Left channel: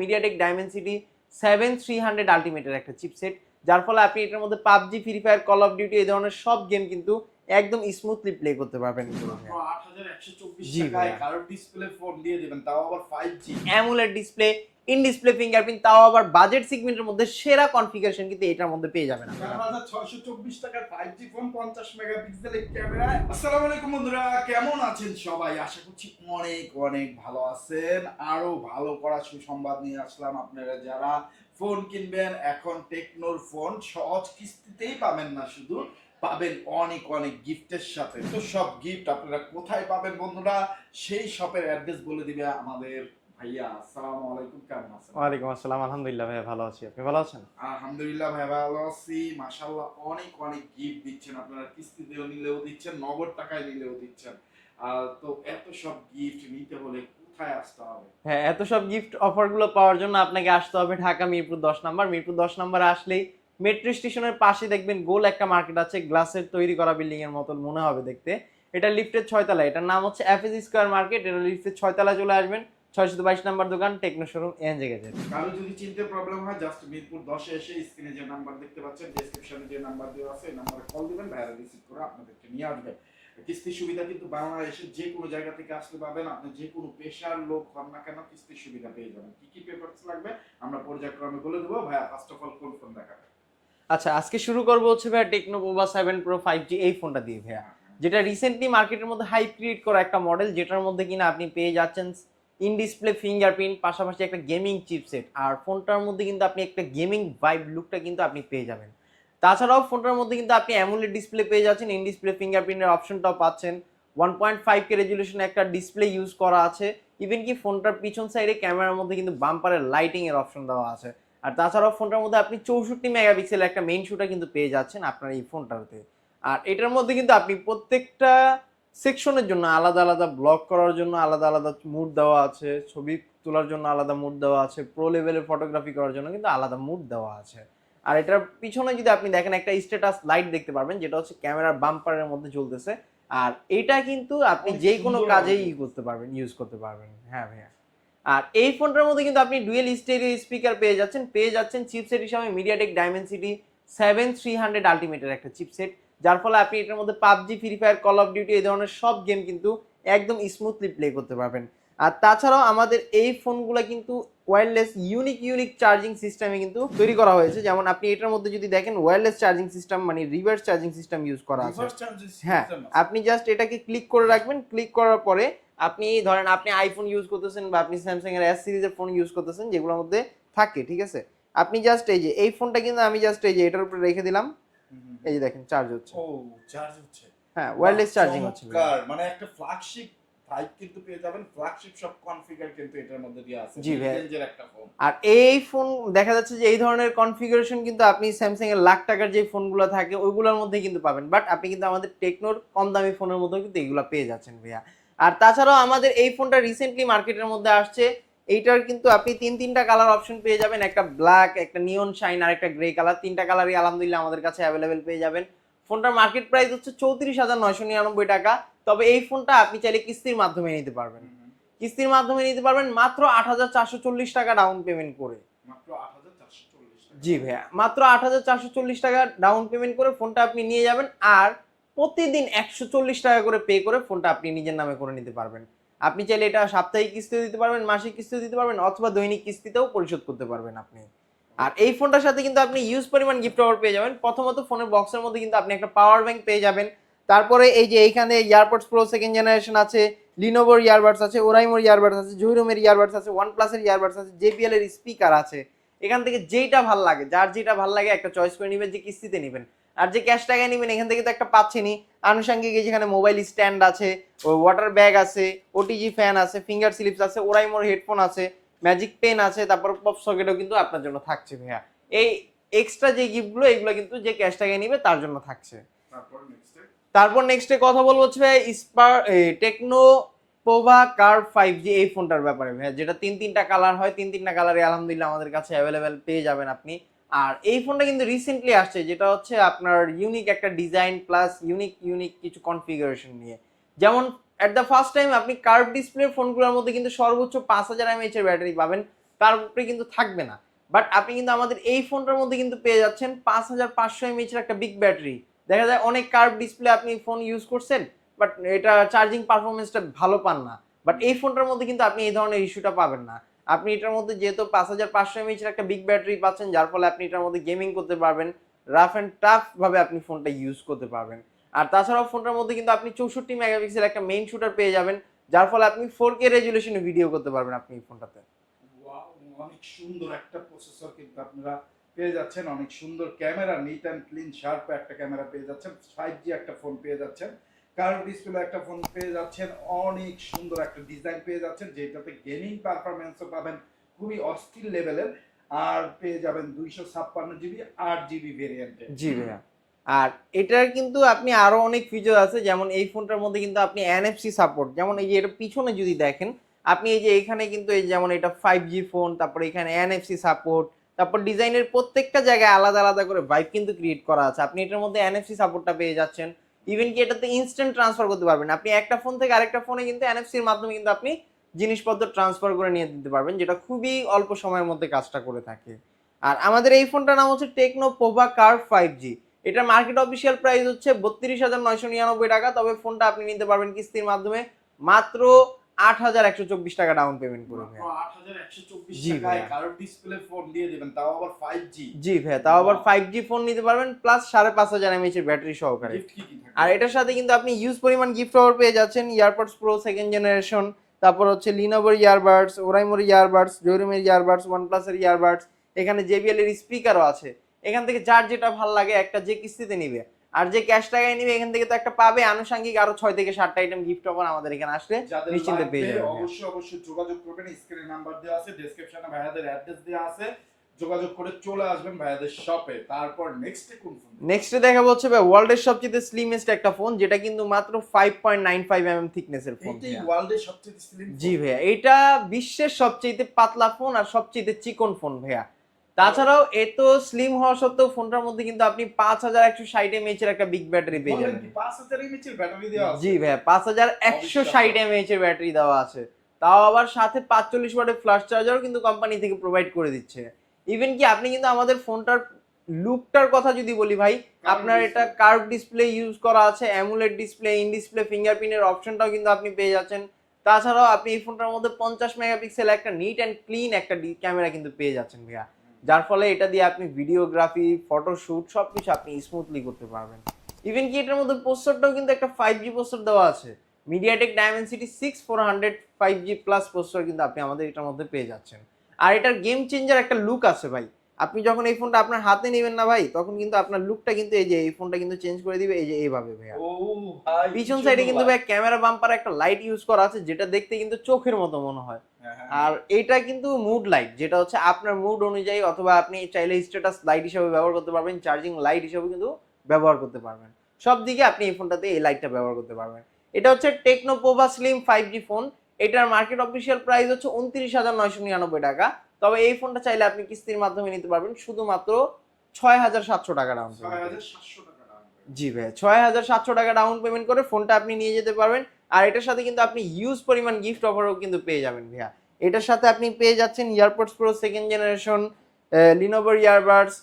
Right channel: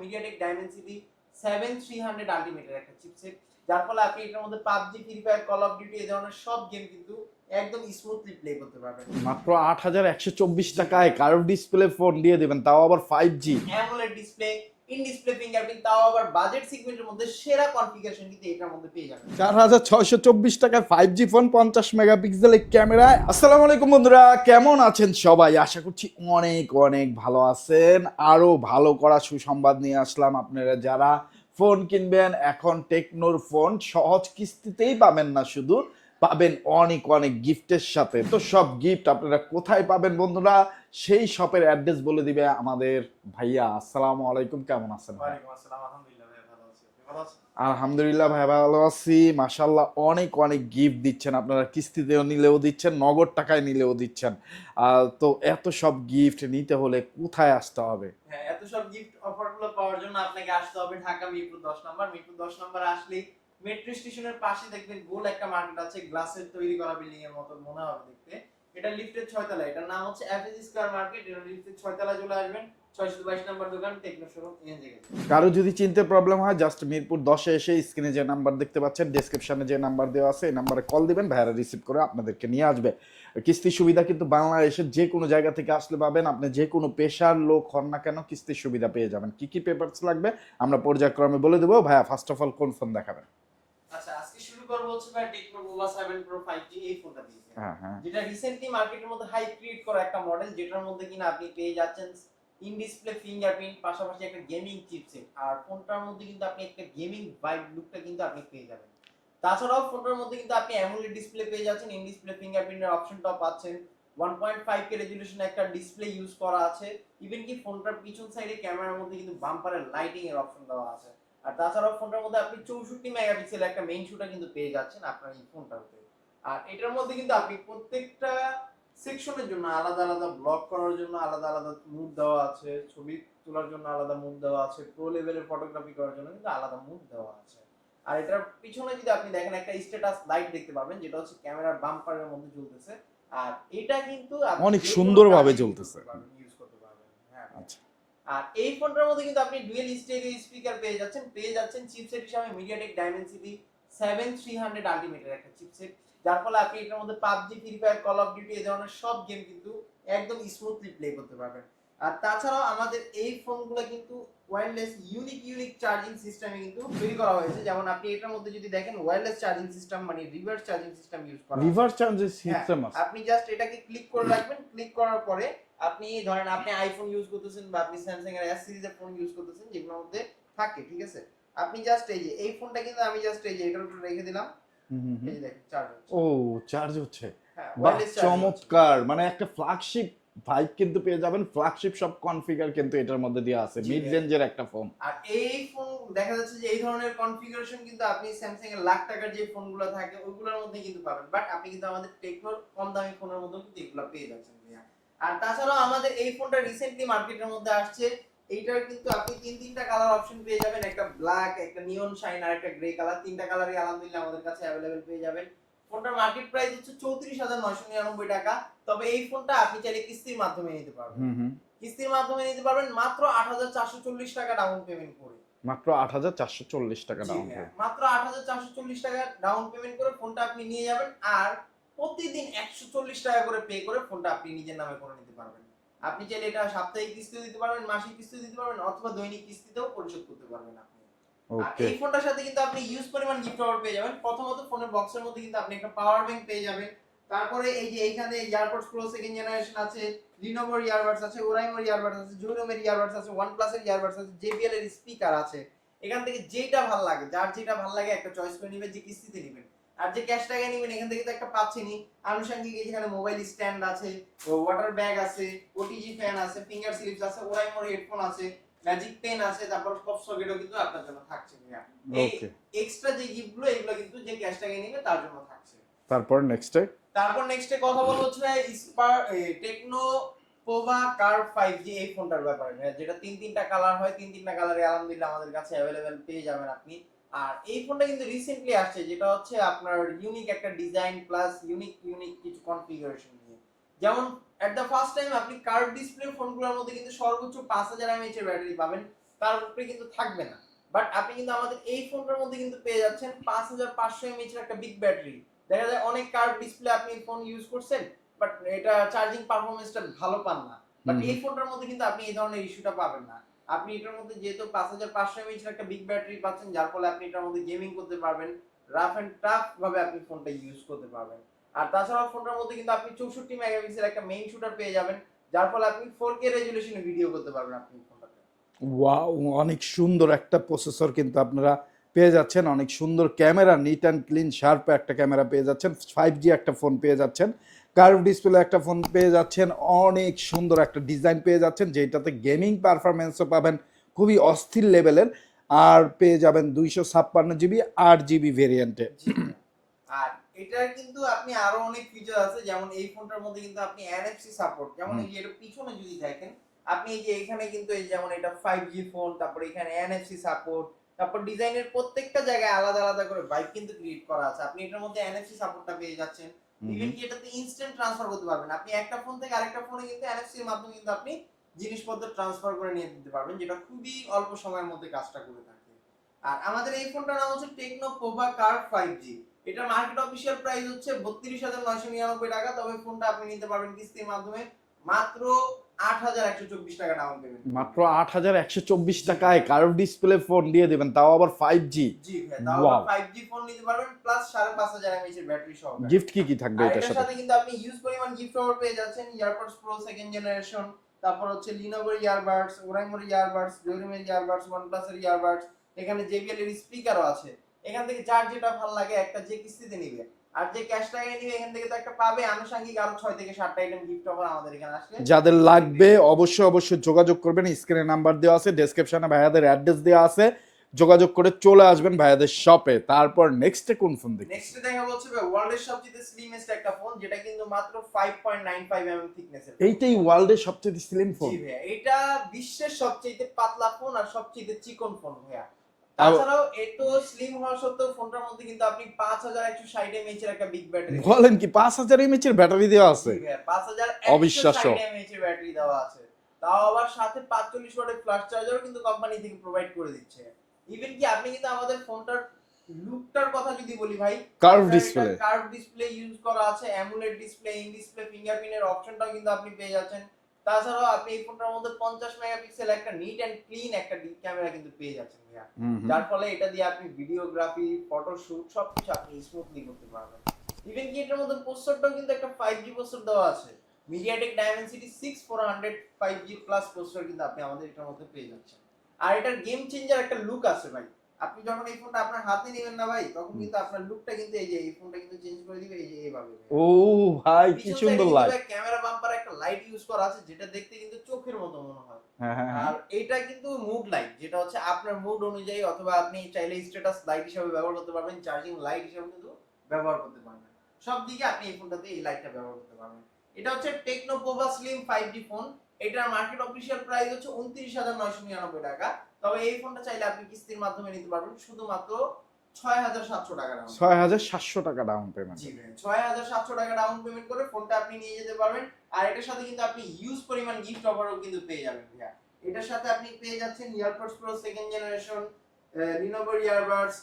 MediaTek Dimensity seven three hundred আলটিমেটের একটা chipset যার ফলে আপনি এটার মধ্যে PUBG Free Fire Call of Duty এই ধরনের সব গেম কিন্তু একদম স্মুথলি প্লে করতে পারবেন মাত্র আট হাজার একশো চব্বিশ টাকায়। কার্ভ ডিসপ্লে ফোন দিয়ে দেবেন তাও আবার five G AMOLED display in display fingerprint তাও আবার বাজেট সেগমেন্টের মধ্যে সেরা কনফিগারেশন কিন্তু এটার মধ্যে পেয়ে যাবেন। চার হাজার ছয়শো চব্বিশ টাকার ফাইভ জি ফোন পঞ্চাশ মেগাপিক্সেলের ক্যামেরায় আসসালামু আলাইকুম বন্ধুরা, কেমন আছেন সবাই? আশা করছি অনেক অনেক ভালো আছেন। আরও ভালো করা সুসংবাদ নিয়ে আসলাম আপনারা যারা ফোন কিনবেন। এখন টেকনোর ফোন সহজ কিস্তিতেই পাবেন না শুধু। পাবেন অনেক অনেক গিফটের সাথে। তো সব গিফট আপনারা কোথায় পাবেন বন্ধুরা? সেই শপের অ্যাড্রেস বলে দিবে আমাদের ভাইয়া। আসসালামু আলাইকুম কেমন আছেন? ওয়ালাইকুম আসসালাম আলহামদুলিল্লাহ ভাই ভালো আছি। আপনি ভালো আছেন? আলহামদুলিল্লাহ ভাই ভালো আছি। মাশাল্লাহ অনেক অনেক গিফট দিচ্ছেন আপনারা। কিস্তিতেও নিলেও দিচ্ছেন নগদ টাকায় নিলেও দিচ্ছেন। তো এত সব গিফট নিতে হলে কোথায় আসতে হবে? হ্যাঁ এত সব গিফট অফারগুলো পাওয়ার জন্য আপনাকে আসতে হবে ঢাকা মিরপুর দশ নাম্বার। মিরপুর দশ নাম্বারে আসলেই মেট্রো স্টেশনের পাশে দেখবেন গোল একটা মার্কেট আছে, গ্লাসের তৈরি করা বিল্ডিং এর মতন মনে হবে দেখতে। এটা লিফটের ছয়তলা, এটার নাম হচ্ছে এফএস স্কোয়ার মার্কেট এটা লিফটের ছয়তলা চলে আসবেন ছয়শো বাইশ নাম্বার দোকান টেকনো শোরুম এনজে গেছে কারও যদি চিনতে প্রবলেম হয় জাস্ট মিরপুর দশে এসে স্ক্রিনে যে নাম্বার দেখতে পাচ্ছেন ডেসক্রিপশনে যে নাম্বার দেওয়া আছে, এই নাম্বারে কল দিবেন, ভাইয়ারা রিসিভ করে আপনাদেরকে নিয়ে আসবে। কিস্তির সুবিধা কিন্তু বাংলাদেশের যে কোনো জায়গা থেকে আসলে পাবেন, আপনি যে কোনো পেশার লোক হন না কেন, কিস্তির সুবিধা পেয়ে যাবেন। কি কি পেপারস লাগবে, আমরা পর্যায়ক্রমে বলে দেবো। ভাইয়া ফার্স্ট অফ অল কোন ফোন দেখাবেন? আচ্ছা আজকে শুরু করব হচ্ছে ভাই Tecno Pova seven pro five G এই ফোনটা দিয়ে ভাইয়া। হ্যাঁ হ্যাঁ। যেটা রিসেন্টলি মার্কেটের মধ্যে হাই ক্রিয়েট করা একটা মডেল যেটার মধ্যে কিনা আপনি পেয়ে যাচ্ছেন ইন ডিসপ্লে ফিঙ্গারপ্রিন্ট পাশাপাশি একটা গেমিং চিপসেট আর ফোনটার মধ্যে কিন্তু আপনি একটা গেমিং ভাইব লুকটা কিন্তু আপনি পেয়ে যাবেন। তাছাড়াও ফোনটার মধ্যে কিন্তু আপনি অ্যামুলেট ডিসপ্লে পেয়ে যাচ্ছেন ইন ডিসপ্লে ফিঙ্গারপ্রিন্টের অপশনটাও পাচ্ছেন। One point five K resolution একটা ডিসপ্লে ইউজ করা আছে। ইভেন কি ফোনটার পিছন সাইডে ক্যামেরার মধ্যে কিন্তু বাম্পারের লাইটিং এর অপশন দেওয়া আছে। আর তাছাড়াও ফোনটার মধ্যে আপনি চৌষট্টি মেগাপিক্সেল একটা মেইন শুটার কিন্তু পেয়ে যাচ্ছেন আপনার এই ফোনটাতে। আর এটার মধ্যে কিন্তু আপনি প্রত্যেকটা সেকশনের জন্য আলাদা আলাদা ব্লগ করার জন্য আলাদা আলাদা মুড দেওয়া আছে ছবি তোলার জন্য আলাদা মুড দেওয়া আছে প্রো লেভেলের ফটোগ্রাফি করার জন্য কিন্তু আলাদা মুড দেওয়া আছে। আর এটার পিছনে যদি আপনি দেখেন একটা স্ট্যাটাস লাইট দেখতে পারবেন যেটা হচ্ছে ক্যামেরার বাম্পারের মধ্যে জ্বলতেছে আর এটা কিন্তু আপনি যে কোনো কাজে ইউজ করতে পারবেন ইউজ করতে পারবেন। হ্যাঁ ভাইয়া। আর এই ফোনটার মধ্যে কিন্তু আপনি ডুয়েল স্টেরিও স্পিকার পেয়ে যাচ্ছেন পেয়ে যাচ্ছেন চিপসেট হিসাবে MediaTek Dimensity seven three hundred আলটিমেটের একটা চিপসেট যার ফলে আপনি এটার মধ্যে PUBG Free Fire Call of Duty এই ধরনের সব গেম কিন্তু একদম স্মুথলি প্লে করতে পারবেন। আর তাছাড়াও আমাদের এই ফোনগুলো কিন্তু ওয়্যারলেস ইউনিক ইউনিক চার্জিং সিস্টেমে কিন্তু তৈরি করা হয়েছে। যেমন আপনি এটার মধ্যে যদি দেখেন ওয়্যারলেস চার্জিং সিস্টেম মানে রিভার্স চার্জিং সিস্টেম ইউজ করা। রিভার্স চার্জেস হ্যাঁ সিস্টেম আপনি জাস্ট এটাকে ক্লিক করে রাখবেন ক্লিক করার পরে আপনি ধরেন আপনি আইফোন ইউজ করতেছেন বা আপনি স্যামসাং এর এস সিরিজের ফোন ইউজ করতেছেন যেগুলোর মধ্যে থাকে ঠিক আছে? আপনি জাস্ট এই যে এই ফোনটা কিন্তু আমি জাস্ট এই যে এটার উপরে রেখে দিলাম। এই যে দেখেন চার্জ হচ্ছে। ও চার্জ হচ্ছে। হ্যাঁ ওয়্যারলেস চার্জিং চমৎকার! মানে একটা ফ্ল্যাগশিপ ভাইব কিন্তু পেয়ে যাবেন। ফ্ল্যাগশিপ সব কনফিগার কিন্তু এটার মধ্যে দেওয়া আছে। জি মিড রেঞ্জের একটা ফোন আর এই ফোন দেখা যাচ্ছে যে এই ধরনের কনফিগারেশন কিন্তু আপনি স্যামসাং এর লাখ টাকার যে ফোনগুলো থাকে ওইগুলোর মধ্যে কিন্তু পাবেন। বাট আপনি কিন্তু আমাদের টেকনোর কম দামি ফোনের মধ্যে কিন্তু এগুলো পেয়ে যাচ্ছেন ভাইয়া। আর তাছাড়াও আমাদের এই ফোনটা রিসেন্টলি মার্কেটের মধ্যে আসছে। এইটার কিন্তু আপনি তিন তিনটা কালার অপশন পেয়ে যাবেন। একটা ব্ল্যাক একটা নিয়ন শাইন আর একটা গ্রে কালার তিনটা কালারই আলহামদুলিল্লাহ আমাদের কাছে অ্যাভেলেবেল পেয়ে যাবেন। ফোনটার মার্কেট প্রাইস হচ্ছে চৌত্রিশ হাজার নয়শো নিরানব্বই টাকা। তবে এই ফোনটা আপনি চাইলে কিস্তির মাধ্যমে নিতে পারবেন। কিস্তির মাধ্যমে নিতে পারবেন মাত্র আট হাজার চারশো চল্লিশ টাকা ডাউন পেমেন্ট করে। মাত্র আট হাজার চারশো চল্লিশ টাকা জি ভাইয়া মাত্র আট হাজার চারশো চল্লিশ টাকা ডাউন পেমেন্ট করে ফোনটা আপনি নিয়ে যাবেন। আর প্রতিদিন একশো চল্লিশ টাকা করে পে করে ফোনটা আপনি নিজের নামে করে নিতে পারবেন। আপনি চাইলে এটা সাপ্তাহিক কিস্তিও দিতে পারবেন মাসিক কিস্তিও দিতে পারবেন অথবা দৈনিক কিস্তিতেও পরিশোধ করতে পারবেন আপনি। আর এই ফোনটার সাথে কিন্তু আপনি ইউজ পরিমাণ গিফট অফার পেয়ে যাবেন। প্রথমত ফোনের বক্সের মধ্যে কিন্তু আপনি একটা পাওয়ার ব্যাংক পেয়ে যাবেন। তারপরে এই যে এইখানে ইয়ারপডস প্রো সেকেন্ড জেনারেশন আছে লিনোভোর ইয়ারবাডস আছে ওরাইমোর ইয়ারবাডস আছে জুইরোমের ইয়ারবাডস আছে ওয়ান প্লাসের ইয়ারবাডস আছে জেপিএল এর স্পিকার আছে। এখান থেকে যেইটা ভালো লাগে যার যেটা ভালো লাগে একটা চয়েস করে নেবেন যে কিস্তিতে নেবেন। আর যে ক্যাশ টাকায় নেবেন এখান থেকে তো একটা পাচ্ছেনই। আনুষঙ্গিক যেখানে মোবাইল স্ট্যান্ড আছে ওই ওয়াটার ব্যাগ আছে ওটিজি ফ্যান আছে ফিঙ্গার স্লিপস আছে ওরাই মোর হেডফোন আছে ম্যাজিক পেন আছে তারপর পপ সকেটও কিন্তু আপনার জন্য থাকছে ভাইয়া। এই এক্সট্রা যে গিফটগুলো এগুলো কিন্তু যে ক্যাশ টাকায় নিবে তার জন্য থাকছে। তারপর নেক্সটে তারপর নেক্সটে কথা বলব হচ্ছে spare Tecno Pova Curve five G এই ফোনটার ব্যাপারে ভাইয়া যেটা তিন তিনটা কালার হয় তিন তিনটা কালারে আলহামদুলিল্লাহ আমাদের কাছে অ্যাভেলেবেল পেয়ে যাবেন আপনি। আর এই ফোনটা কিন্তু রিসেন্টলি আসছে যেটা হচ্ছে আপনার ইউনিক একটা ডিজাইন প্লাস ইউনিক ইউনিক কিছু কনফিগারেশন নিয়ে। যেমন অ্যাট দ্য ফার্স্ট টাইম আপনি কার্ভ ডিসপ্লে ফোনগুলোর মধ্যে কিন্তু সর্বোচ্চ পাঁচ হাজার এমএইচ এর ব্যাটারি পাবেন তার উপরে কিন্তু থাকবে না। বাট আপনি কিন্তু আমাদের এই ফোনটার মধ্যে কিন্তু পেয়ে যাচ্ছেন পাঁচ হাজার পাঁচশো এমএইচ এর একটা বিগ ব্যাটারি দেখা যায় অনেক কার্ভ ডিসপ্লে আপনি ফোন ইউজ করছেন বাট এটা চার্জিং পারফরমেন্সটা ভালো পান না। বাট এই ফোনটার মধ্যে কিন্তু আপনি এই ধরনের ইস্যুটা পাবেন না। আপনি এটার মধ্যে যেহেতু পাঁচ হাজার পাঁচশো এমএইচ এর একটা বিগ ব্যাটারি পাচ্ছেন, যার ফলে আপনি এটার মধ্যে গেমিং করতে পারবেন। রাফ অ্যান্ড টাফ ভাবে আপনি ফোনটা ইউজ করতে পারবেন। আর তাছাড়াও ফোনটার মধ্যে কিন্তু আপনি চৌষট্টি মেগাপিক্সেল একটা মেইন শুটার পেয়ে যাবেন, যার ফলে আপনি ফোর কে রেজুলেশনে ভিডিও করতে পারবেন আপনি এই ফোনটাতে ওয়াও অনেক সুন্দর একটা প্রসেসর কিন্তু আপনারা পেয়ে যাচ্ছেন। অনেক সুন্দর camera neat and clean sharp একটা ক্যামেরা পেয়ে যাচ্ছেন। ফাইভ জি একটা ফোন পেয়ে যাচ্ছেন। কার্ভ ডিসপ্লে একটা ফোন পেয়ে যাচ্ছেন। অনেক সুন্দর একটা ডিজাইন পেয়ে যাচ্ছেন যেটাতে গেমিং পারফরমেন্সও পাবেন খুবই অস্থির লেভেলের আর পেয়ে যাবেন দুইশো ছাপ্পান্ন জিবি আট জিবি ভেরিয়েন্টে জি আর এটার কিন্তু আপনি আরও অনেক ফিচার আছে যেমন এই ফোনটার মধ্যে কিন্তু আপনি এনএফসি সাপোর্ট যেমন এই যে এটা পিছনে যদি দেখেন আপনি এই যে এখানে কিন্তু এই যেমন এটা ফাইভ জি ফোন তারপর এখানে এনএফসি সাপোর্ট তারপর ডিজাইনের প্রত্যেকটা জায়গায় আলাদা আলাদা করে ভাইব কিন্তু ক্রিয়েট করা আছে। আপনি এটার মধ্যে এনএফসি সাপোর্টটা পেয়ে যাচ্ছেন। ইভেন কি এটাতে ইনস্ট্যান্ট ট্রান্সফার করতে পারবেন। আপনি একটা ফোন থেকে আরেকটা ফোনে কিন্তু এনএফসির মাধ্যমে কিন্তু আপনি জিনিসপত্র ট্রান্সফার করে নিয়ে দিতে পারবেন, যেটা খুবই অল্প সময়ের মধ্যে কাজটা করে থাকে। আর আমাদের এই ফোনটার নাম হচ্ছে Tecno Pova Curve five G এটার মার্কেট অফিসিয়াল প্রাইস হচ্ছে বত্রিশ হাজার নয়শো নিরানব্বই টাকা, তবে ফোনটা আপনি নিতে পারবেন কিস্তির মাধ্যমে। মাত্র আট হাজার একশো চব্বিশ টাকা ডাউন পেমেন্ট মাত্র আট হাজার একশো চব্বিশ টাকায়। কার্ভ ডিসপ্লে ফোন দিয়ে দেবেন তাও আবার ফাইভ জি জি ভাইয়া তাও আবার ফাইভ জি ফোন নিতে পারবেন প্লাস সাড়ে পাঁচ হাজার এমএইচ এর ব্যাটারি সহকারে গিফট কি কি থাকবে আর এটার সাথে? কিন্তু আপনি ইউজ পরিমাণ গিফট অফার পেয়ে যাচ্ছেন ইয়ারপডস প্রো সেকেন্ড জেনারেশন তারপর হচ্ছে লিনোভোর ইয়ারবাডস ওরাইমোর ইয়ারবাডস জয়রুমের ইয়ারবাডস ওয়ানপ্লাসের ইয়ারবাডস এখানে জেবিএল এর স্পিকারও আছে। এখান থেকে যার যেটা ভালো লাগে একটা যে কিস্তিতে নিবে। আর যে ক্যাশ টাকায় নিবে এখান থেকে তো একটা পাবে। আনুষঙ্গিক আরও ছয় থেকে সাতটা আইটেম গিফট অফার আমাদের এখানে আসলে যাদের লাগবে। অবশ্যই অবশ্যই যোগাযোগ করবেন। স্ক্রিনে নাম্বার দেওয়া আছে ডেসক্রিপশনে ভাইয়াদের অ্যাড্রেস দেওয়া আছে। যোগাযোগ করে চলে আসবেন ভাইয়াদের শপে তারপর নেক্সটে কোন ফোন দেখবেন নেক্সটে দেখাবো হচ্ছে ওয়ার্ল্ডের সবচেয়ে স্লিমেস্ট একটা ফোন যেটা কিন্তু মাত্র five point nine five M M থিকনেসের এইটাই ওয়ার্ল্ডের সবচেয়ে স্লিম জি ভাইয়া এটা বিশ্বের সবচেয়ে পাতলা ফোন আর সবচেয়ে চিকন ফোন ভাইয়া। তাছাড়াও এত স্লিম হওয়া সত্ত্বেও ফোনটার মধ্যে কিন্তু আপনি পাঁচ হাজার একশো ষাট এমএইচ এর একটা বিগ ব্যাটারি বলেন কি পাঁচ হাজার এমএচ এর ব্যাটারি দেওয়া আছে? জি ভাইয়া পাঁচ হাজার একশো। ষাট এমএইচ এর ব্যাটারি দেওয়া আছে। তাও আবার সাথে পাঁচচল্লিশ ওয়াটের ফ্লাশ চার্জারও কিন্তু কোম্পানি থেকে প্রোভাইড করে দিচ্ছে। ইভেন কি আপনি কিন্তু আমাদের ফোনটার লুকটার কথা যদি বলি ভাই আপনার এটা কার্ভ ডিসপ্লে ইউজ করা আছে অ্যামুলেট ডিসপ্লে ইন ডিসপ্লে ফিঙ্গারপ্রিন্টের অপশনটাও কিন্তু আপনি পেয়ে যাচ্ছেন। তাছাড়াও আপনি এই ফোনটার মধ্যে পঞ্চাশ মেগাপিক্সেল একটা নিট অ্যান্ড ক্লিন একটা ক্যামেরা কিন্তু পেয়ে যাচ্ছেন ভাইয়া। যার ফলে এটা দিয়ে আপনি ভিডিওগ্রাফি ফটোশুট সবকিছু আপনি স্মুথলি করতে পারবেন। ইভেন কি এটার মধ্যে প্রসেসরটাও কিন্তু একটা ফাইভ জি প্রসেসর দেওয়া আছে। MediaTek Dimensity six four hundred five G plus processor কিন্তু আপনি আমাদের এটার মধ্যে পেয়ে যাচ্ছেন। আর এটার গেম চেঞ্জার একটা লুক আছে ভাই। আপনি যখন এই ফোনটা আপনার হাতে নেবেন না ভাই তখন কিন্তু আপনার লুকটা কিন্তু এই যে এই ফোনটা কিন্তু চেঞ্জ করে দিবে এই যে এইভাবে ভাই ও ভাই পিছন সাইডে কিন্তু ভাই। ক্যামেরা বাম্পার একটা লাইট ইউজ করা আছে যেটা দেখতে কিন্তু চোখের মতো মনে হয়। হ্যাঁ, হ্যাঁ, আর এটা কিন্তু মুড লাইট যেটা হচ্ছে আপনার মুড অনুযায়ী অথবা আপনি চাইলে স্ট্যাটাস লাইট হিসেবে ব্যবহার করতে পারবেন চার্জিং লাইট হিসেবে কিন্তু ব্যবহার করতে পারবেন। সব দিকে আপনি এই ফোনটাতে এই লাইটটা ব্যবহার করতে পারবেন। এটা হচ্ছে Tecno Pova slim five G phone এটার মার্কেট অফিসিয়াল প্রাইস হচ্ছে উনত্রিশ হাজার নয়শো নিরানব্বই টাকা। তবে এই ফোনটা চাইলে আপনি কিস্তির মাধ্যমে নিতে পারবেন। শুধুমাত্র ছয় হাজার সাতশো টাকা ডাউন ছয় হাজার সাতশো টাকা ডাউন পেমেন্ট জি ভাই ছয় হাজার সাতশো টাকা ডাউন পেমেন্ট করে ফোনটা আপনি নিয়ে যেতে পারবেন। আর এটার সাথে কিন্তু আপনি ইউজ পরিমাণ গিফট অফারও কিন্তু পেয়ে যাবেন ভাইয়া। এটার সাথে আপনি পেয়ে যাচ্ছেন ইয়ারপডস প্রো সেকেন্ড জেনারেশন লিনোভোর ইয়ারবাডস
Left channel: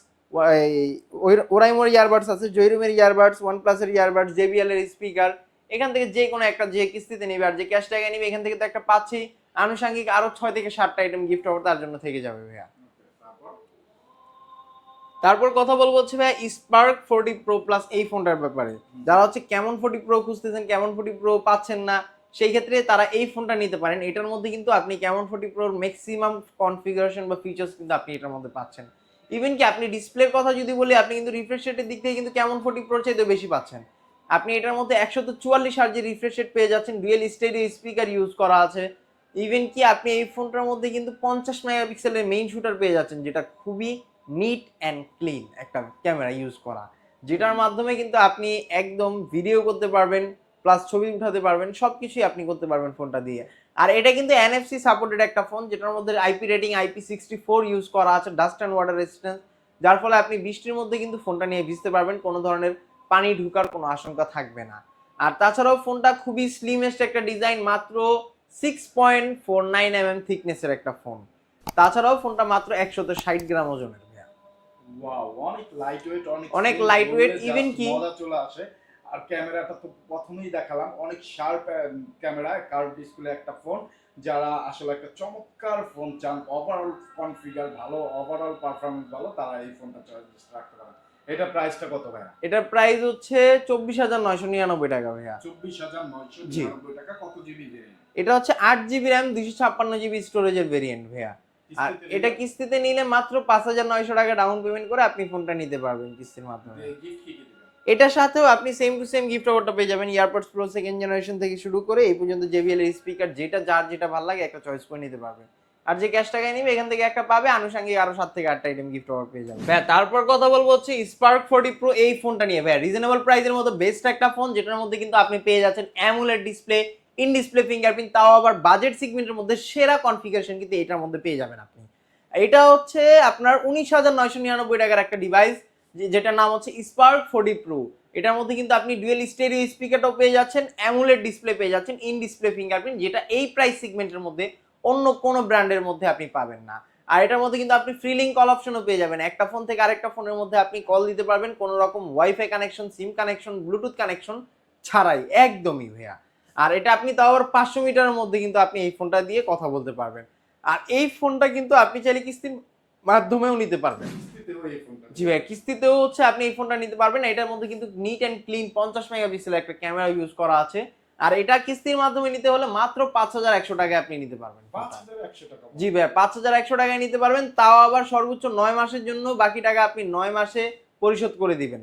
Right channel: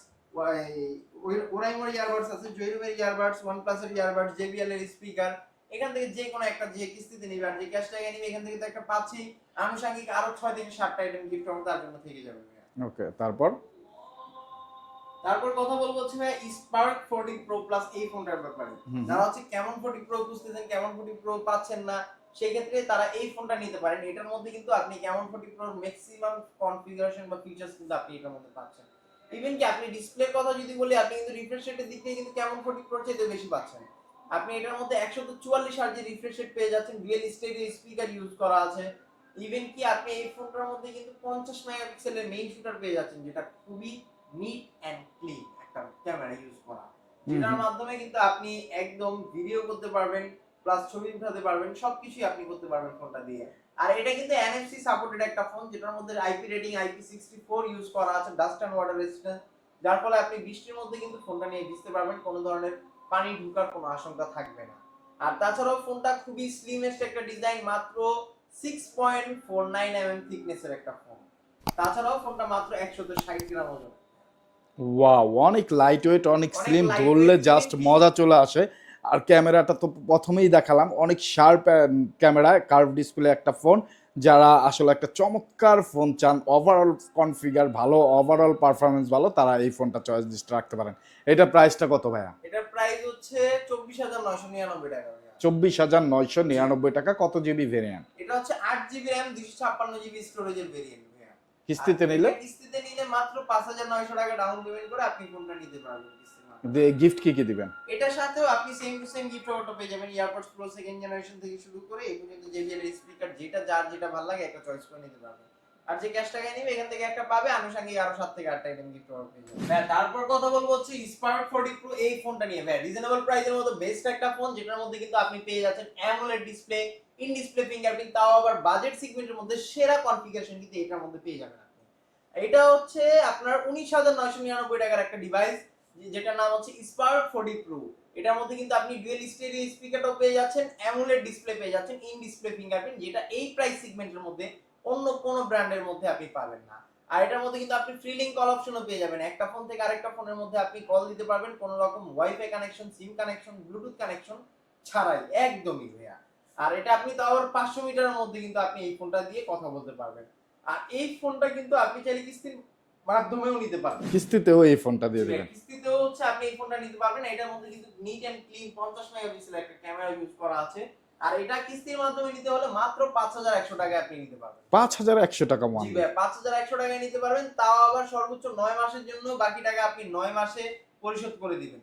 ওরাইমোর ইয়ারবাডস আছে জয়রুমের ইয়ারবাডস ওয়ানপ্লাসের ইয়ারবাডস জেবিএল এর স্পিকার এখান থেকে যে কোনো একটা যে কিস্তিতে নিবে আর যে ক্যাশ টাকা নিবে এখান থেকে তো একটা পাচ্ছি আনুষঙ্গিক আরও ছয় থেকে সাতটা আইটেম গিফট অফার তার জন্য থেকে যাবে ভাইয়া। ওকে তারপর? তারপর কথা বলব হচ্ছে ভাই স্পার্ক ফোরটি প্রো প্লাস এই ফোনটার ব্যাপারে। যারা হচ্ছে কেমন ফোরটি প্রো খুঁজতেছেন কেমন ফোরটি প্রো পাচ্ছেন না সেই ক্ষেত্রে তারা এই ফোনটা নিতে পারেন। এটার মধ্যে কিন্তু আপনি কেমন ফোরটি প্রোর ম্যাক্সিমাম কনফিগারেশন বা ফিচার্স কিন্তু আপনি এটার মধ্যে পাচ্ছেন। ইভেন কি আপনি ডিসপ্লের কথা যদি বলি আপনি কিন্তু রিফ্রেশ রেটের দিক থেকে কিন্তু কেমন ফোরটি প্রোর চাইতে বেশি পাচ্ছেন। আপনি এটার মধ্যে একশো তো চুয়াল্লিশ যে রিফ্রেশ রেট পেয়ে যাচ্ছেন। ডুয়েল স্টেডিও স্পিকার ইউজ করা আছে। ইভেন কি আপনি এই ফোনটার মধ্যে কিন্তু পঞ্চাশ মেগাপিক্সেলের মেইন শুটার পেয়ে যাচ্ছেন যেটা খুবই নিট অ্যান্ড ক্লিন একটা ক্যামেরা ইউজ করা। যেটার মাধ্যমে কিন্তু আপনি একদম ভিডিও করতে পারবেন প্লাস ছবি উঠাতে পারবেন সব কিছুই আপনি করতে পারবেন ফোনটা দিয়ে। আর এটা কিন্তু এনএফসি সাপোর্টেড একটা ফোন যেটার মধ্যে IP rating IP sixty four use করা আছে ডাস্ট অ্যান্ড ওয়াটার রেজিস্ট্যান্স যার ফলে আপনি বৃষ্টির মধ্যে কিন্তু ফোনটা নিয়ে ভিজতে পারবেন কোনো ধরনের পানি ঢুকার কোনো আশঙ্কা থাকবে না। আর তাছাড়াও ফোনটা খুবই স্লিমেস্ট একটা ডিজাইন মাত্র six point four nine M M থিকনেসের একটা ফোন তাছাড়াও ফোনটা মাত্র একশত ষাট গ্রাম ওজনের ওয়াও অনেক লাইট ওয়েট অনেক ধরলে জাস্ট মজা চলে আসে। আর ক্যামেরাটা তো প্রথমেই দেখালাম অনেক শার্প ক্যামেরা কার্ভ ডিসপ্লে একটা ফোন যারা আসলে একটা চমৎকার ফোন চান ওভারঅল কনফিগার ভালো ওভারঅল পারফরমেন্স ভালো তারা এই ফোনটা চয়েস লিস্টে রাখতে পারেন। এটা প্রাইসটা কত ভাইয়া? এটার প্রাইস হচ্ছে চব্বিশ হাজার নয়শো নিরানব্বই টাকা ভাইয়া। চব্বিশ হাজার নয়শো নিরানব্বই টাকা কত জিবি ভেরিয়েন্ট এটা হচ্ছে আট জিবি র্যাম দুশো ছাপ্পান্ন জিবি স্টোরেজের ভেরিয়েন্ট ভাইয়া। কিস্তিতে নিলে? এটা কিস্তিতে নিলে মাত্র পাঁচ হাজার নয়শো টাকা ডাউন পেমেন্ট করে আপনি ফোনটা নিতে পারবেন কিস্তির মাধ্যমে। গিফট কি কি দিবেন? এটার সাথেও আপনি সেম টু সেম গিফট অফারটা পেয়ে যাবেন ইয়ারপডস প্রো সেকেন্ড জেনারেশন থেকে শুরু করে এই পর্যন্ত জেবিএল এর স্পিকার যেটা যার যেটা ভালো লাগে একটা চয়েস করে নিতে পারবেন। আর যে ক্যাশ টাকায় নিবে, এখান থেকে একটা পাবে, আনুষঙ্গিক আরও সাত থেকে আটটা আইটেম গিফট অফার পেয়ে যাবে। ভাই তারপর কথা বলব হচ্ছে স্পার্ক ফোর্টি প্রো এই ফোনটা নিয়ে। ভাই রিজনেবল প্রাইসের মধ্যে বেস্ট একটা ফোন যেটার মধ্যে কিন্তু আপনি পেয়ে যাচ্ছেন AMOLED display in display fingerprint তাও আবার বাজেট সেগমেন্টের মধ্যে সেরা কনফিগারেশন কিন্তু এটার মধ্যে পেয়ে যাবেন আপনি। এটা হচ্ছে আপনার উনিশ হাজার নয়শো নিরানব্বই টাকার একটা ডিভাইস যেটার নাম হচ্ছে স্পার্ক ফোর্টি প্রো এটার মধ্যে কিন্তু আপনি ডুয়েল স্টেরিও স্পিকারটাও পেয়ে যাচ্ছেন অ্যামুলেট ডিসপ্লে পেয়ে যাচ্ছেন ইন ডিসপ্লে ফিঙ্গারপ্রিন্ট যেটা এই প্রাইস সেগমেন্টের মধ্যে অন্য কোনো ব্র্যান্ডের মধ্যে আপনি পাবেন না। আর এটার মধ্যে কিন্তু আপনি ফ্রি লিঙ্ক কল অপশনও পেয়ে যাবেন। একটা ফোন থেকে আরেকটা ফোনের মধ্যে আপনি কল দিতে পারবেন। কোনো রকম WiFi connection SIM connection Bluetooth connection ছাড়াই। একদমই ভাইয়া। আর এটা আপনি তাও আবার পাঁচশো মিটারের মধ্যে কিন্তু আপনি এই ফোনটা দিয়ে কথা বলতে পারবেন। আর এই ফোনটা কিন্তু আপনি চাইলে কিস্তির মাধ্যমেও নিতে পারবেন। কিস্তিতেও এই ফোনটা দিয়ে ভাইয়া কিস্তিতেও হচ্ছে আপনি এই ফোনটা নিতে পারবেন। এটার মধ্যে কিন্তু নিট অ্যান্ড ক্লিন পঞ্চাশ মেগাপিক্সেল একটা ক্যামেরা ইউজ করা আছে। আর এটা কিস্তির মাধ্যমে নিতে হলে মাত্র পাঁচ হাজার একশো টাকায় আপনি নিতে পারবেন। পাঁচ হাজার একশো টাকা জি ভাইয়া পাঁচ হাজার একশো টাকায় নিতে পারবেন তাও আবার সর্বোচ্চ নয় মাসের জন্য বাকি টাকা আপনি নয় মাসে পরিশোধ করে দিবেন।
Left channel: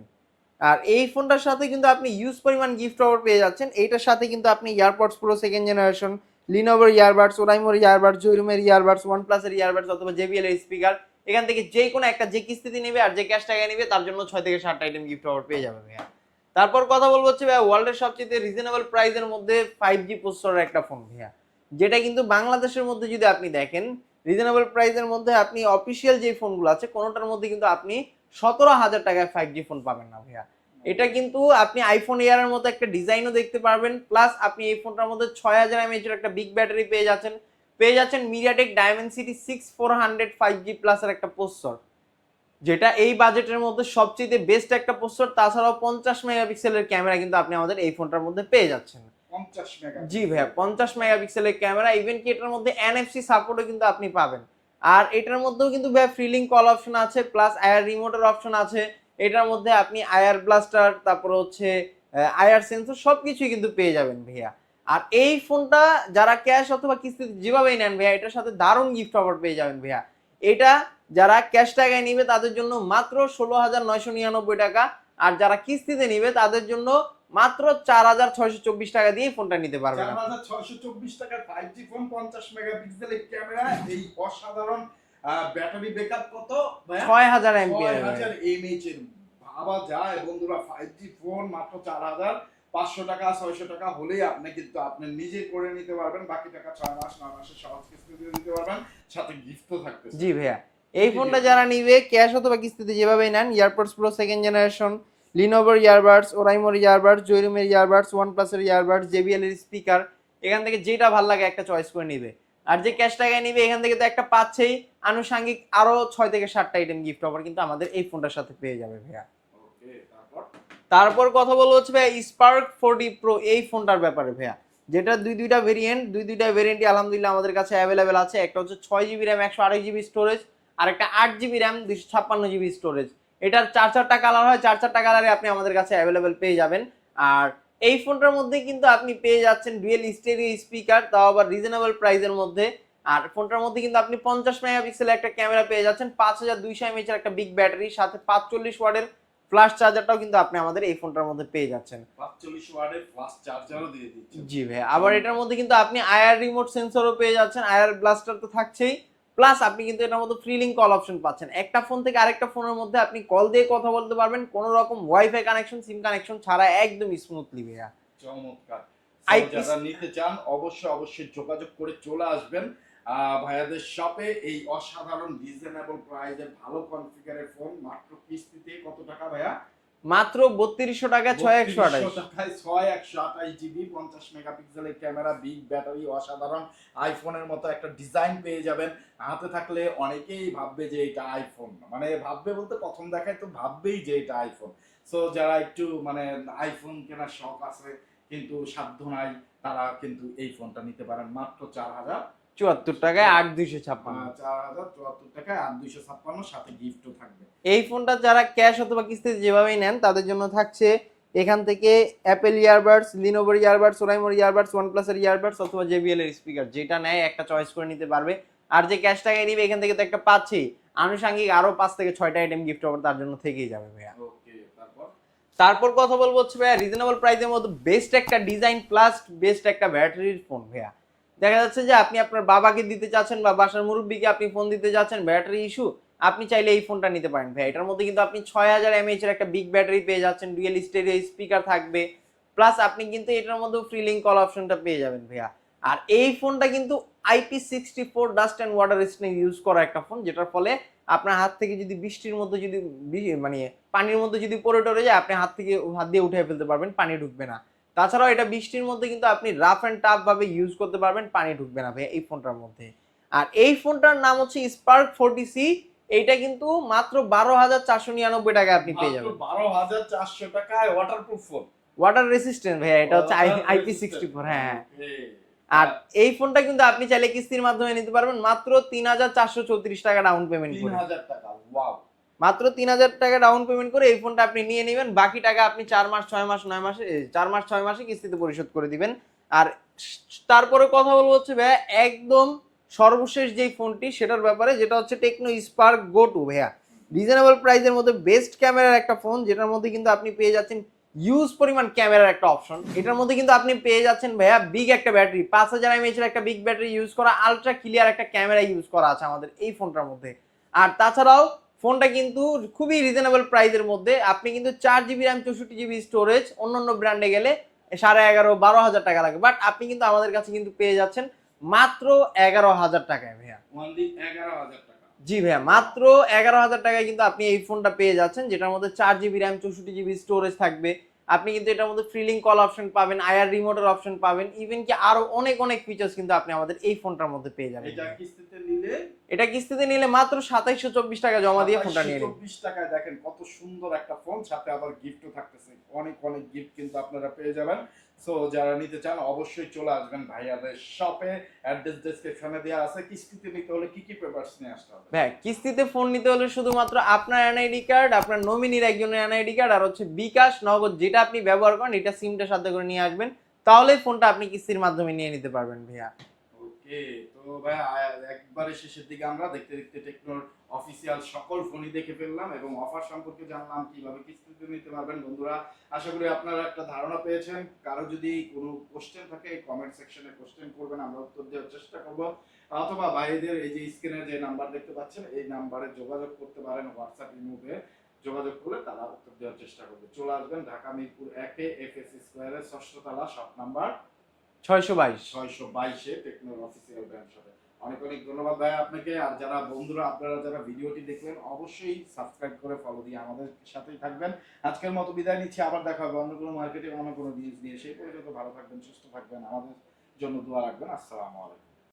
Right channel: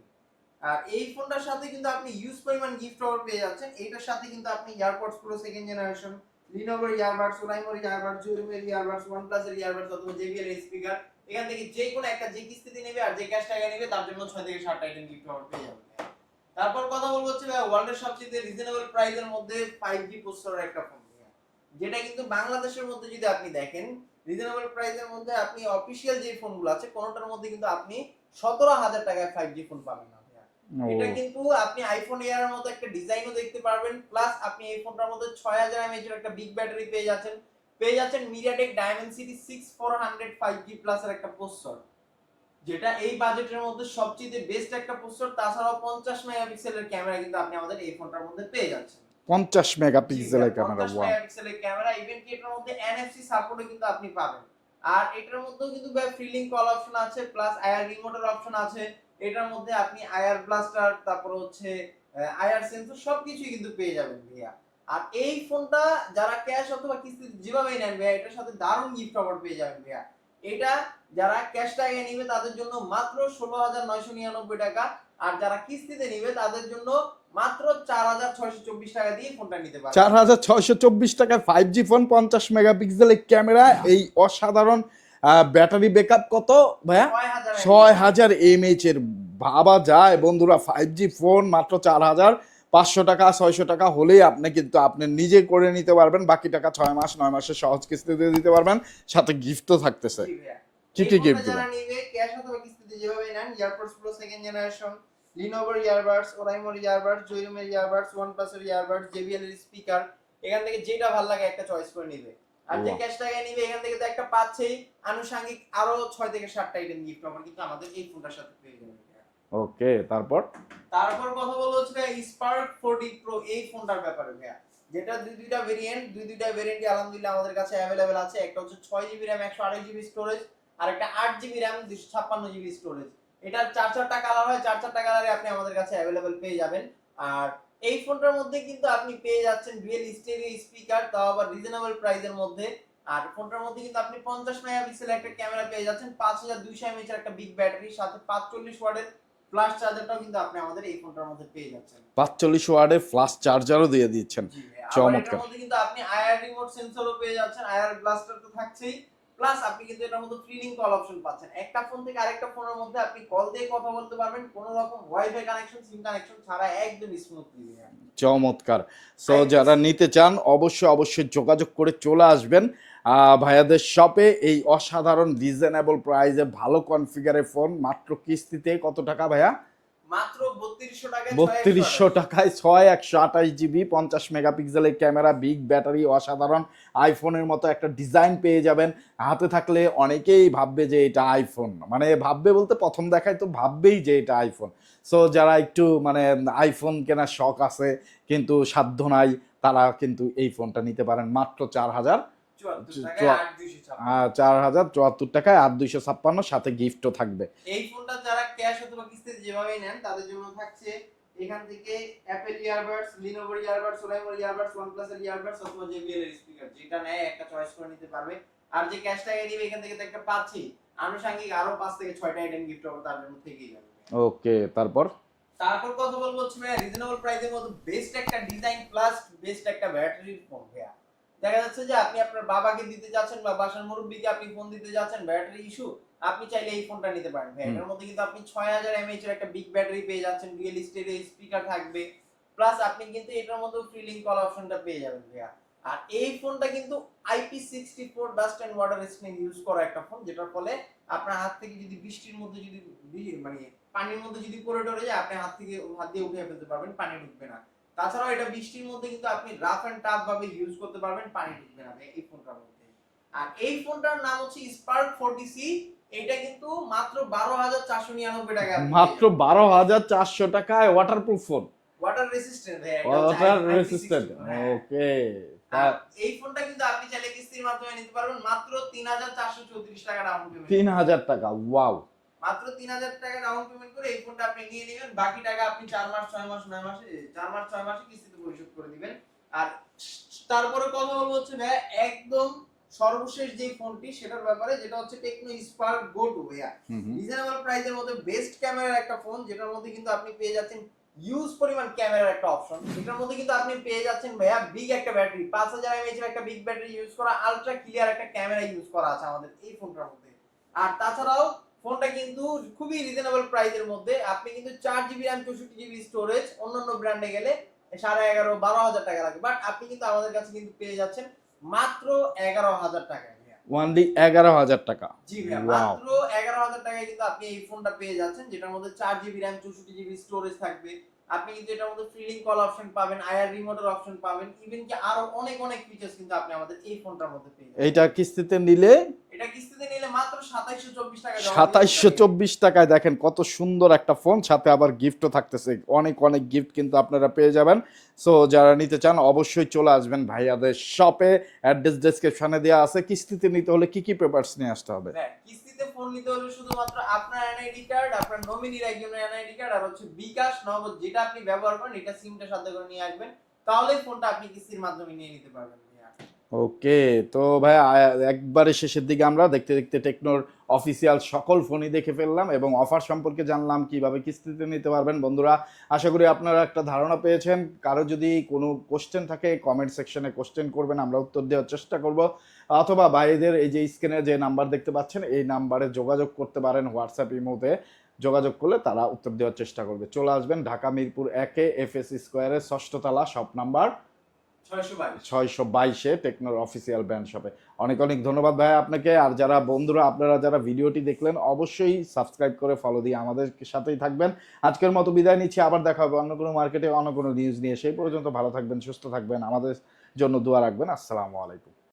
আর এই ফোনটার সাথে কিন্তু আপনি ইউজ পরিমাণ গিফট অফার পেয়ে যাচ্ছেন এইটার সাথে কিন্তু আপনি ইয়ারপডস প্রো সেকেন্ড জেনারেশন লিনোভোর ইয়ারবাডস ওরাইমোর ইয়ারবাডস জৈরুমের ইয়ারবাডস ওয়ান প্লাসের ইয়ারবাডস অথবা জেবিএল এর স্পিকার এখান থেকে যে কোনো একটা যে কিস্তিতে নেবে আর যে ক্যাশ টাকা নেবে তার জন্য ছয় থেকে সাতটা আইটেম গিফট অফার পেয়ে যাবে ভাইয়া। তারপর কথা বলব হচ্ছে ভাইয়া ওয়ার্ল্ডের সবচেয়ে রিজনেবল প্রাইসের মধ্যে ফাইভ জি প্রসেসরের একটা ফোন ভাইয়া। যেটা কিন্তু বাংলাদেশের মধ্যে যদি আপনি দেখেন রিজনেবল প্রাইসের মধ্যে আপনি অফিসিয়াল যে ফোনগুলো আছে কোনোটার মধ্যে কিন্তু আপনি সতেরো হাজার টাকায় ফাইভ জি ফোন পাবেন না ভাইয়া। এটা কিন্তু আপনি আইফোন এয়ারের মতো একটা ডিজাইনও দেখতে পারবেন প্লাস আপনি এই ফোনটার মধ্যে ছয় হাজার এমএইচ এর একটা বিগ ব্যাটারি পেয়ে যাচ্ছেন। পেয়ে যাচ্ছেন MediaTek Dimensity six four hundred five G প্লাসের একটা প্রসেসর যেটা এই বাজেটের মধ্যে সবচেয়ে বেস্ট একটা প্রসেসর তাছাড়াও পঞ্চাশ মেগাপিক্সেলের ক্যামেরা কিন্তু আপনি আমাদের এই ফোনটার মধ্যে পেয়ে যাচ্ছেন। পঞ্চাশ মেগাপিক্সেল পঞ্চাশ মেগাপিক্সেলের ক্যামেরা ইভেন কি এটার মধ্যে এনএফসি সাপোর্টও কিন্তু আপনি পাবেন। আর এটার মধ্যেও কিন্তু ফ্রিলিং কল অপশন আছে প্লাস আয়ার রিমোটের অপশন আছে। এটার মধ্যে আপনি আয়ার ব্লাস্টার তারপর হচ্ছে আয়ার সেন্সর সবকিছুই কিন্তু পেয়ে যাবেন ভাইয়া। আর এই ফোনটা যারা ক্যাশ অথবা কিস্তিতে যেভাবেই নেন ভাইয়া এটার সাথে দারুণ গিফট অফার পেয়ে যাবেন ভাইয়া। এটা যারা ক্যাশ টাকায় নিবে তাদের জন্য মাত্র ষোলো হাজার নয়শো নিরানব্বই টাকা। আর যারা কিস্তিতে নিবে তাদের জন্য মাত্র চার হাজার ছয়শো চব্বিশ টাকা দিয়ে ফোনটা নিতে পারবে। চার হাজার ছয়শো চব্বিশ টাকার ফাইভ জি ফোন পঞ্চাশ মেগাপিক্সেলের ক্যামেরা এই অসাধারণ ব্যাটারি ব্যাকআপ কত ভাইয়া? ছয় হাজার ছয় হাজার এমএইচ এর। ভাবা যায় বন্ধুরা ফাইভ জি ফোন মাত্র চার হাজার। পাঁচশো টাকা ছয়শো টাকা হলেই আপনি কিন্তু আপনি নিজে করে নিতে পারবেন। বাকি টাকা ছয় মাস নয় মাসের সহজ কিস্তিতে দিতে পারবেন। সাথে গিফটও থাকতেছে। জি ভাইয়া। এই ফোনটা যারা নিবে ক্যাশ অথবা কিস্তিতে যেভাবে নেন প্রো সেকেন্ড জেনারেশন লিনোভোর ইয়ারবাডস ওরাইমোর ইয়ারবাডস জৈরুমের ইয়ারবাডস ইয়ারবাডস জেবিএল এর স্পিকার এখান থেকে যেটা ভালো লাগে একটা চয়েস করে নিবে। আর যে ক্যাশ টাকায় নিবে এখান থেকে তো একটা পাচ্ছেই। আনুষঙ্গিক আরও ছয় থেকে সাতটা আইটেম গিফট অফার কিন্তু আমাদের এই ফোনটার সাথে পেয়ে যাবে ভাইয়া। ওকে, তারপর? তারপর কথা বলব হচ্ছে ভাইয়া স্পার্ক ফোরটি প্রো এই ফোনটার ব্যাপারে ভাইয়া। যেটা দুই দুইটা ভেরিয়েন্ট দুই দুইটা ভেরিয়েন্টই আলহামদুলিল্লাহ আমাদের কাছে অ্যাভেলেবেল আছে। একটা হচ্ছে ছয় জিবি র্যাম একশো আড়াই জিবি স্টোরেজ আর একটা আট জিবি র্যাম দুশো ছাপ্পান্ন জিবি স্টোরেজ এটার চার চারটা কালার হয়, চার চারটা কালারে আপনি আমাদের কাছে অ্যাভেলেবেল পেয়ে যাবেন। আর এই ফোনটার মধ্যে কিন্তু আপনি পেয়ে যাচ্ছেন ডুয়েল স্টেরিও স্পিকার তাও আবার রিজনেবল প্রাইসের মধ্যে। আর ফোনটার মধ্যে কিন্তু আপনি পঞ্চাশ মেগাপিক্সেলের একটা ক্যামেরা পেয়ে যাচ্ছেন, পাঁচ হাজার দুইশো এমএচ এর একটা বিগ ব্যাটারি সাথে পাঁচচল্লিশ ওয়াটের ফ্ল্যাশ চার্জারটাও কিন্তু আপনি আমাদের এই ফোনটার মধ্যে পেয়ে যাচ্ছেন। পাঁচচল্লিশ ওয়ার্ডের ফ্লাশ চার্জারও দিয়ে দিচ্ছেন জি ভাই আবার এটার মধ্যে কিন্তু আপনি আয়ার রিমোট সেন্সরও পেয়ে যাচ্ছেন আয়ার ব্লাস্টার তো থাকছেই। প্লাস আপনি কিন্তু এটার মধ্যে ফ্রি লিঙ্ক কল অপশন পাচ্ছেন। একটা ফোন থেকে আরেকটা ফোনের মধ্যে আপনি কল দিয়ে কথা বলতে পারবেন কোনো রকম ওয়াইফাই কানেকশন সিম কানেকশন ছাড়া একদম স্মুথলি ভাইয়া। চমৎকার। সো যারা নিতে চান অবশ্যই অবশ্যই যোগাযোগ করে চলে আসবেন। ভাইয়াদের শপে এই অসাধারণ রিজনেবল প্রাইসে ভালো কনফিগারের ফোন মাত্র কিস্তিতে কত টাকা ভাইয়া? মাত্র বত্রিশশো টাকা বত্রিশশো টাকায় ছয় একশো আঠাশ জিবি পঞ্চাশ মেগাপিক্সেলের ক্যামেরা বিগ ব্যাটারি অসাধারণ আইফোনের মতো একটা ডিজাইন পেয়ে যাবেন। হাতে থাকলে অনেকেই ভাববে যে এটা আইফোন মানে ভাববে বলতে প্রথম দেখায় তো ভাববেই যে এটা আইফোন সো যারা একটু মানে আইফোন কেনার শখ আছে কিন্তু সাধ্য নাই তারা কিন্তু এই ফোনটা নিতে পারেন। মাত্র চার হাজার চুয়াত্তর টাকায় আট দুইশো ছাপ্পান্ন। চার হাজার চুয়াত্তর টাকায় আর দুইশো ছাপ্পান্ন সাথে গিফটও থাকবে। এই ফোনটা যারা ক্যাশ অথবা কিস্তিতে যেভাবেই নেন তাদের জন্য থাকছে এখান থেকে অ্যাপেল ইয়ারবাডস লিনোভোর ইয়ারবাডস ওরাইমোর ইয়ারবাডস ওয়ানপ্লাসের ইয়ারবাডস অথবা জেবিএল এর স্পিকার যেটা নেয় একটা চয়েস করে নিতে পারবে। আর যে ক্যাশ টাকায় নিবে এখান থেকে তো একটা পাচ্ছেই আনুষাঙ্গিক আরও পাঁচ থেকে ছয়টা আইটেম গিফট হবে তার জন্য থেকেই যাবে ভাইয়া। ওকে তারপর? তারপর কথা বলব হচ্ছে ভাইয়া রিজনেবল প্রাইসের মধ্যে বেস্ট একটা ডিজাইন প্লাস বেস্ট একটা ব্যাটারির ফোন ভাইয়া। দেখা যাচ্ছে যে আপনি আপনার বাবাকে দিতে চাচ্ছেন বা বাসার মুরব্বীকে আপনি ফোন দিতে চাচ্ছেন ব্যাটারি ইস্যু আপনি চাইলে এই ফোনটা নিতে পারেন। ভাই এটার মধ্যে কিন্তু আপনি ছয় হাজার এমএইচ এর একটা বিগ ব্যাটারি পেয়ে যাচ্ছেন ডুয়েল স্টেরিও স্পিকার থাকবে। প্লাস আপনি কিন্তু এটার মধ্যে ফ্রিলিং কল অপশনটা পেয়ে যাবেন ভাইয়া। আর এই ফোনটা কিন্তু IP sixty four dust and water resistant use করা একটা ফোন যেটার ফলে আপনার হাত থেকে যদি বৃষ্টির মধ্যে যদি মানে পানির মধ্যে যদি পড়ে টরে যায় আপনি হাত থেকে হাত দিয়ে উঠে ফেলতে পারবেন পানি ঢুকবে না। তাছাড়াও এটা বৃষ্টির মধ্যে কিন্তু আপনি রাফ অ্যান্ড টাফ ভাবে ইউজ করতে পারবেন পানি ঢুকবে না ভাই এই ফোনটার মধ্যে। আর এই ফোনটার নাম হচ্ছে স্পার্ক ফোরটি সি এইটা কিন্তু মাত্র বারো হাজার চারশো নিরানব্বই টাকা আপনি মাত্র বারো হাজার চারশো টাকায় ওয়াটারপ্রুফ ফোন ওয়াটার রেসিস্ট্যান্ট ভাইয়া এটা হচ্ছে আইপি সিক্সটি ফোর হ্যাঁ। আর এই ফোনটা কিন্তু আপনি চাইলে কিস্তির মাধ্যমে নিতে পারবেন মাত্র তিন হাজার চারশো চৌত্রিশ টাকা ডাউন পেমেন্ট তিন হাজার টাকা ওয়াও মাত্র তিন হাজার টাকা ডাউন পেমেন্ট করে এই ফোনটা আপনি নিয়ে নেবেন। বাকি টাকা আপনি চার মাস ছয় মাস নয় মাসে চার মাস ছয় মাসে কিস্তিতে পরিশোধ করে দিবেন। আর তারপরে কথা বলব হচ্ছে ভাইয়া একদম সর্বশেষ যেই ফোনটি সেটার ব্যাপারে যেটা হচ্ছে টেকনো স্পার্ক গো টু ভাইয়া। রিজনেবল প্রাইসের মধ্যে বেস্ট ক্যামেরার একটা ফোন যেটার মধ্যে কিন্তু আপনি পেয়ে যাচ্ছেন ইউজ পরিমাণ ক্যামেরার একটা অপশন এটার মধ্যে কিন্তু আপনি পেয়ে যাচ্ছেন ভাইয়া বিগ একটা ব্যাটারি পাঁচ হাজার এমএইচ এর একটা বিগ ব্যাটারি ইউজ করা আলট্রা ক্লিয়ার একটা ক্যামেরা ইউজ করা আছে আমাদের এই ফোনটার মধ্যে। আর তাছাড়াও ফোনটা কিন্তু খুবই রিজনেবল প্রাইসের মধ্যে। আপনি কিন্তু চার জিবি র্যাম চৌষট্টি জিবি স্টোরেজ অন্যান্য ব্র্যান্ডে গেলে সাড়ে এগারো বারো হাজার টাকা লাগে বাট আপনি কিন্তু আমাদের কাছে কিন্তু পেয়ে যাচ্ছেন মাত্র এগারো হাজার টাকায় ভাইয়া। ওয়ানলি এগারো হাজার টাকা। জি ভাইয়া মাত্র এগারো হাজার টাকায় কিন্তু আপনি এই ফোনটা পেয়ে যাচ্ছেন যেটার মধ্যে চার জিবি র্যাম চৌষট্টি জিবি স্টোরেজ থাকবে। আপনি কিন্তু এটার মধ্যে ফ্রিলিং কল অপশন পাবেন আয়ার রিমোটের অপশন পাবেন ইভেন কি আরও অনেক অনেক ফিচার্স কিন্তু আপনি আমাদের এই ফোনটার মধ্যে পেয়ে যাবেন। এটা কিস্তিতে নিলে এটা কিস্তিতে নিলে মাত্র সাতাইশশো চব্বিশ টাকা জমা দিয়ে ফোনটা সাতাইশশো নিয়ে চব্বিশ টাকায় দেখেন কত সুন্দর একটা ফোন সাথে আবার গিফটও থাকতেছে। অনেক অনেক গিফট কিন্তু আপনারা পেয়ে যাবেন। সো যারা নিতে চান, অবশ্যই চলে আসবেন ভাইয়াদের শপে অ্যাড্রেস ডেসক্রিপশনে দেওয়া আছে। কিস্তিতে নিতে হলে কি কি পেপারস নিয়ে আসতে হবে? হ্যাঁ কিস্তিতে ফোন নিতে হলে শুধুমাত্র আপনার এনআইডি কার্ড আপনার নমিনির একজনের এনআইডি কার্ড আর হচ্ছে বিকাশ, নগদ যেটা আপনি ব্যবহার করেন, এটা সিমটা সাথে করে নিয়ে আসবেন। তাহলে ফোনটা আপনি কিস্তির মাধ্যমে নিয়ে নিতে পারবেন ভাইয়া। ওকে, তো ভাই একবারে শেষের দিকে আমরা দেখতে দেখতে টেকনোর অফিসিয়াল সকল ফোনই দেখে ফেললাম এবং অফার সম্পর্কে জানলাম কীভাবে কিস্তিতে নিতে পারবেন। বন্ধুরা, আশা করি আপনারা একটা ধারণা পেয়েছেন। কারও যদি কোনো কোশ্চেন থাকে কমেন্ট সেকশনে কোশ্চেন করবেন, আমরা উত্তর দেওয়ার চেষ্টা করব। অথবা ভাইদের এই যে স্ক্রিনে যে নাম্বার দেখতে পাচ্ছেন, এই নাম্বারে যোগাযোগ করতে পারেন হোয়াটসঅ্যাপ ইমোতে যোগাযোগ করলে তারা উত্তর দেওয়ার চেষ্টা করবে। চলে আসবেন ঢাকা মিরপুর একে এফ এস স্কোয়ারের ষষ্ঠতলা শপ নাম্বার ছয়শো বাইশ। ছয়শো বাইশে টেকনোর অফিসিয়াল ব্র্যান্ড শপে অনেক অনেক ধন্যবাদ ভাই আপনাকে। আর যারা বন্ধুরা, আপনারা যারা ভিডিওটি দেখলেন, অবশ্যই সাবস্ক্রাইব করে ফলো দিয়ে আমাদের সাথেই থাকবেন। আজকের মতো বিদায় নিচ্ছি। আবার দেখা হবে অন্য কোনো মার্কেটে অন্য কোনো নিউজ নিয়ে। সেই পর্যন্ত ভালো থাকবেন, সুস্থ থাকবেন। আমাদের জন্য দোয়া রাখবেন। আসসালামু আলাইকুম।